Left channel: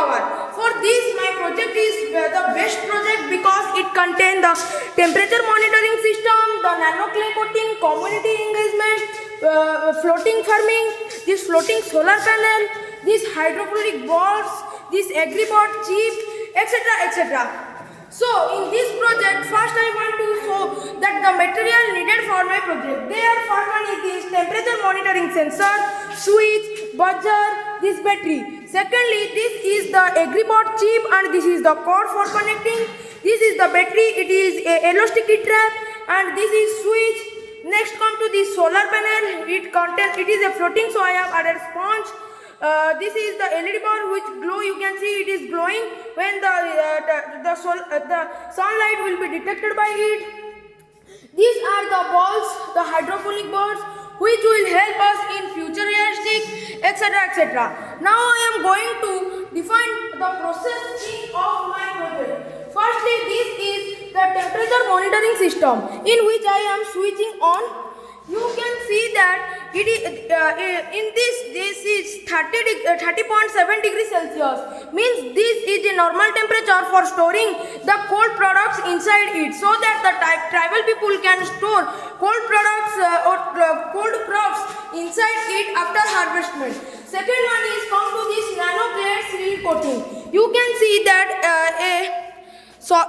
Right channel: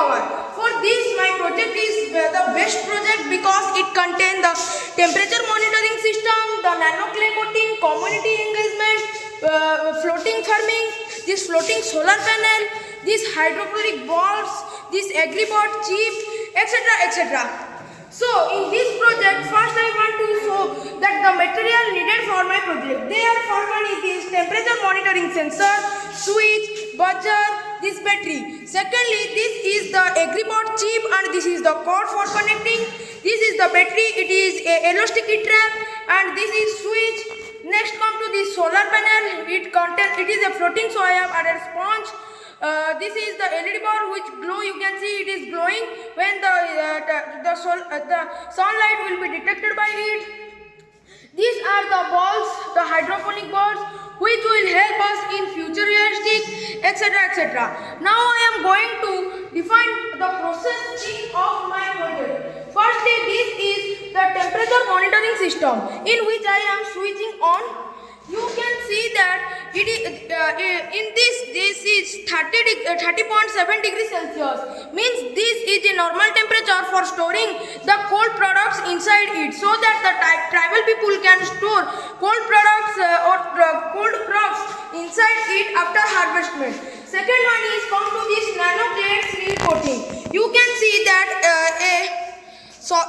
power. For this, my project is the best project because it contains the temperature monitoring system, the nano clay coating, community engagement, floating farming, this floating solar panel, this hydroponic boards, this agribot chip, etc. etc. So in this project, first I want to show that the material needed for my project. There first one is this temperature monitoring sensor, switch, buzzer, this battery. Secondly, this is the agribot chip and this is the cord for connecting. This is the battery, it is a yellow sticky trap and this is switch. Next come to this solar panel, it is a floating soya and a sponge. This is the LED bar which glow. You can see it is glowing when the sunlight will be detected by it. These are the balls, the hydroponic balls, which will help us in futuristic, etc. etc. Now I am going to define the processing of my project. Firstly, this is the temperature monitoring system in which I am switching on. You can see that it is this is 30.7 degrees Celsius, means this is the normal temperature for storing the cold products inside it, so that the tribal people can store cold products or cold crops inside it after harvestment. Second one is come to this nano clay seed coating. You can see that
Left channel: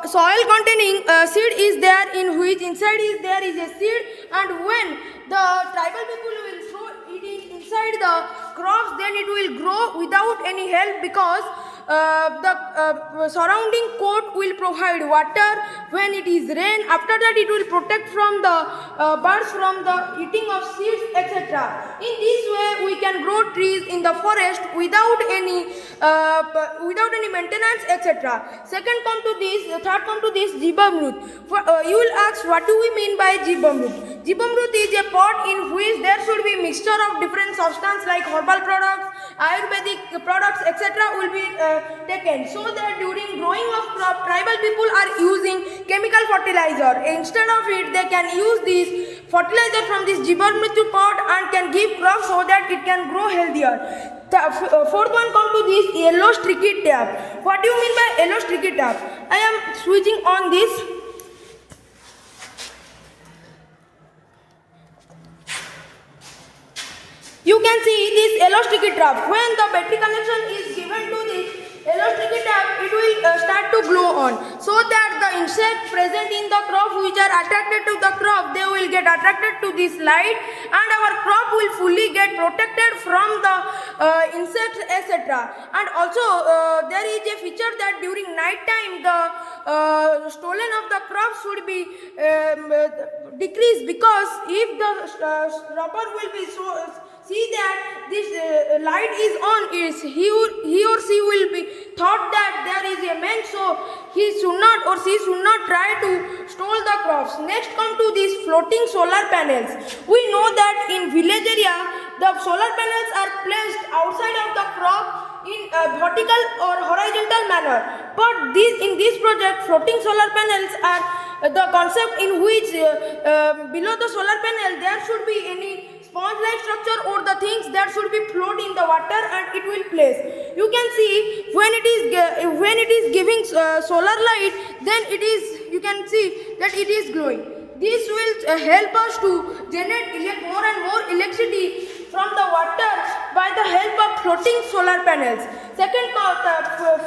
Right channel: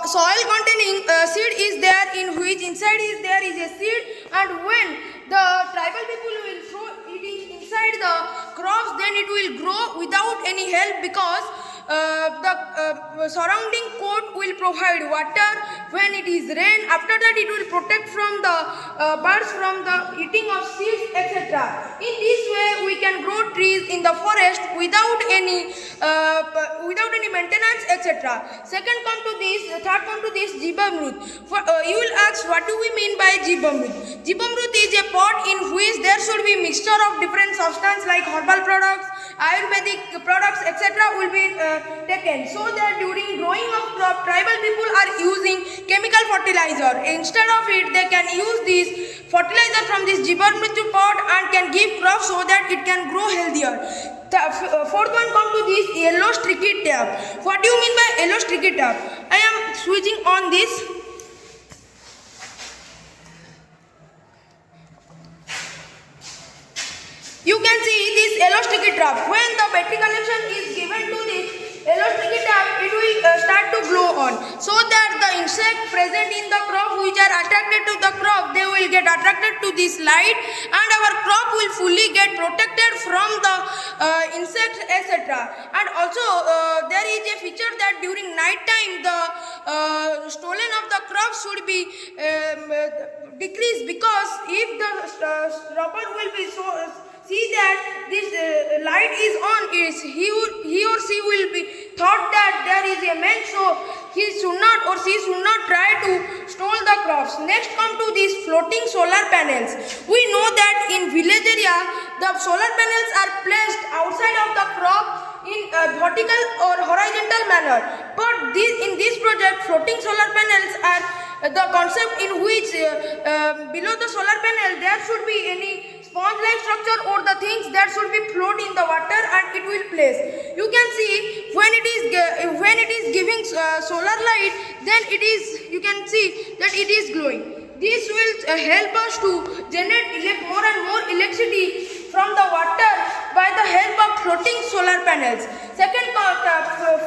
soil containing seed is there, in which inside is there is a seed, and when the tribal people will throw it inside the crops, then it will grow without any help, because the surrounding coat will provide water when it is rain. After that it will protect from the birds from the eating of seeds, etc. In this way we can grow trees in the forest without any maintenance, etc. Third come to this Jivamrut. You will ask, what do we mean by Jivamrut? Jivamrut is a pot in which there should be mixture of different substances like herbal products, Ayurvedic products, etc. will be taken, so that during growing of crop, tribal people are using chemical fertilizer. Instead of it, they can use this fertilizer from this Jivamrut pot and can give crops so that it can grow healthier. The fourth one come to this yellow sticky tab. What do you mean by yellow sticky tab? I am switching on this. You can see this yellow sticky tab. When the battery connection is given to this yellow sticky tab, it will start to glow on, so that the insects present in the crop which are attracted to the crop, they will get attracted to this light, and our crop will fully get protected from the insects, etc. And also there is a feature that during night time the stolen of the crops should be decreased, because if the robber will be see that this light is on, he or she will be thought that there is a man, so he should not or she should not try to steal the crops. Next come to these floating solar panels. We know that in village area the solar panels are placed outside of the crop in a vertical or horizontal manner, but in this project floating solar panels are the concept in which below the solar panel there should be any sponge-like structure or the things that should be float in the water, and it will place. You can see when it is giving solar light, then you can see that it is glowing. This will help us to generate more and more electricity from the water by the help of floating solar panels.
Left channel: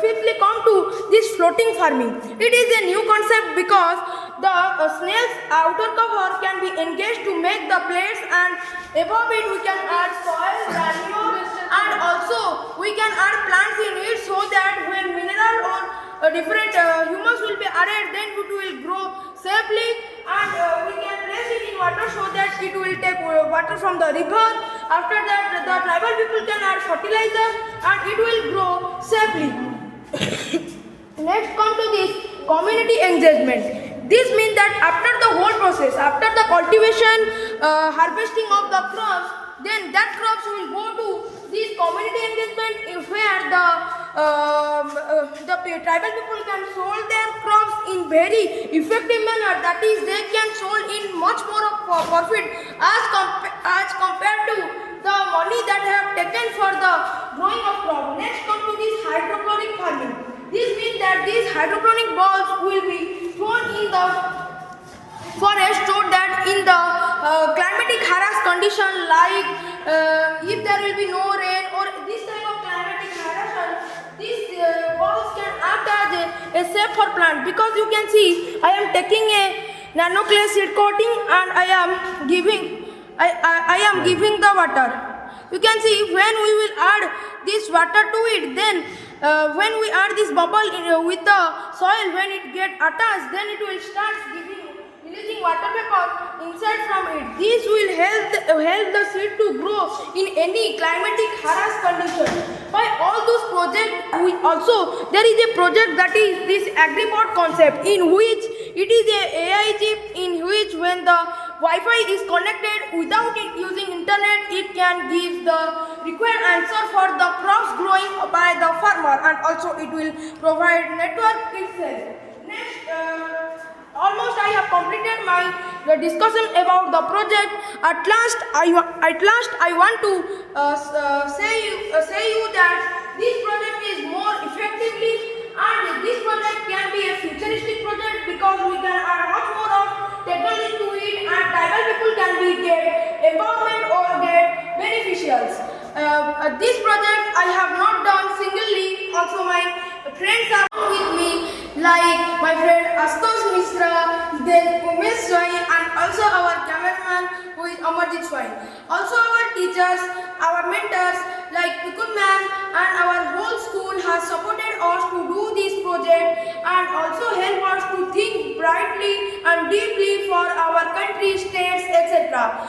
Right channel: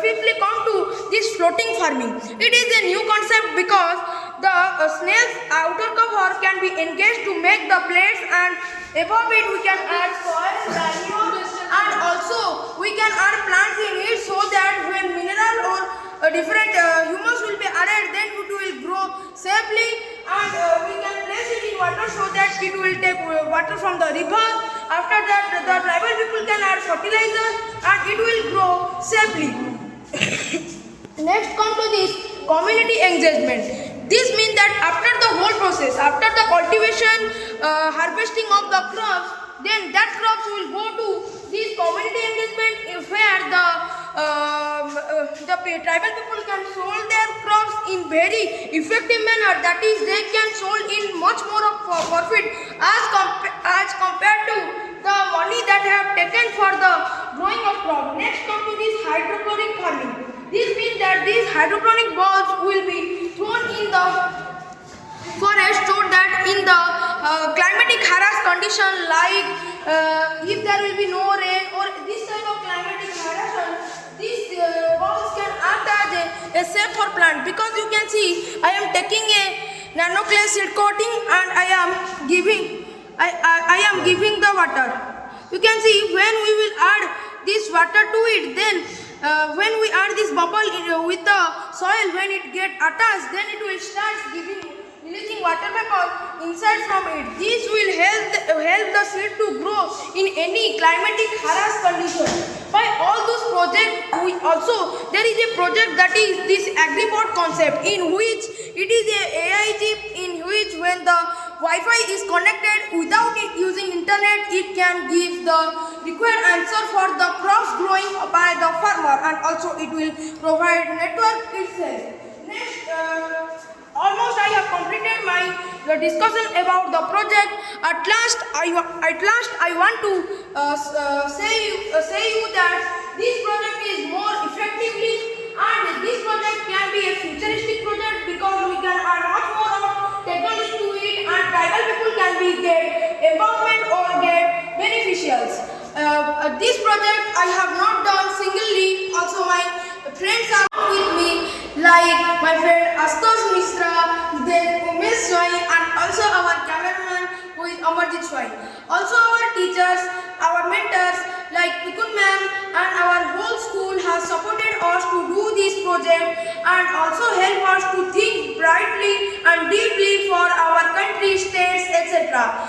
Fifthly come to this floating farming. It is a new concept because the snail's outer cover can be engaged to make the plates, and above it we can add soil, manure, and also we can add plants in it, so that when mineral or different humus will be added, then it will grow safely, and we can place it in water so that it will take water from the river. After that the tribal people can add fertilizer and it will grow safely. Next come to this community engagement. This means that after the whole process, after the cultivation, harvesting of the crops, then that crops will go to this community engagement, where the tribal people can sold their crops in very effective manner. That is, they can sold in much more of profit as compared to the money money that I have taken for the growing of crop. Next come to this hydroponic farming. This means that these hydroponic balls will be thrown in the forest so that in the climatic harass condition like if there will be no rain or this type of climatic harass, these balls can act as a safe for plant, because you can see I am taking a nano clay seed coating and I am giving the water. You can see when we will add this water to it, then when we add this bubble with the soil, when it get attached, then it will start releasing water vapor inside from it. This will help the seed to grow in any climatic harass condition. By all those projects, also there is a project that is this AgriBot concept, in which it is a AI chip in which when the Wi-Fi is connected without it using internet, it can give the required answer for the crops growing by the farmer, and also it will provide network itself. Next, almost I have completed my discussion about the project. At last I want to say you that this project is more effectively, and this project can be a futuristic project because we can add much more of technology to it, and tribal people can be get empowerment or get beneficials. This project I have not done singly. Also my friends are with me, like my friend Astos Misra, then Umesh Swai, and also our cameraman who is Amarjit Swai. Also our teachers, our mentors like Mukund ma'am, and our whole school has supported us to do this project and also help us to think brightly and deeply for our country, states, etc.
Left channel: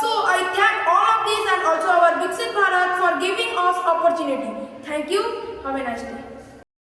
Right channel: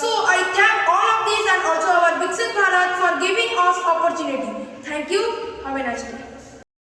So I thank all of these and also our Vikshit Bharat for giving us opportunity. Thank you. Have a nice day.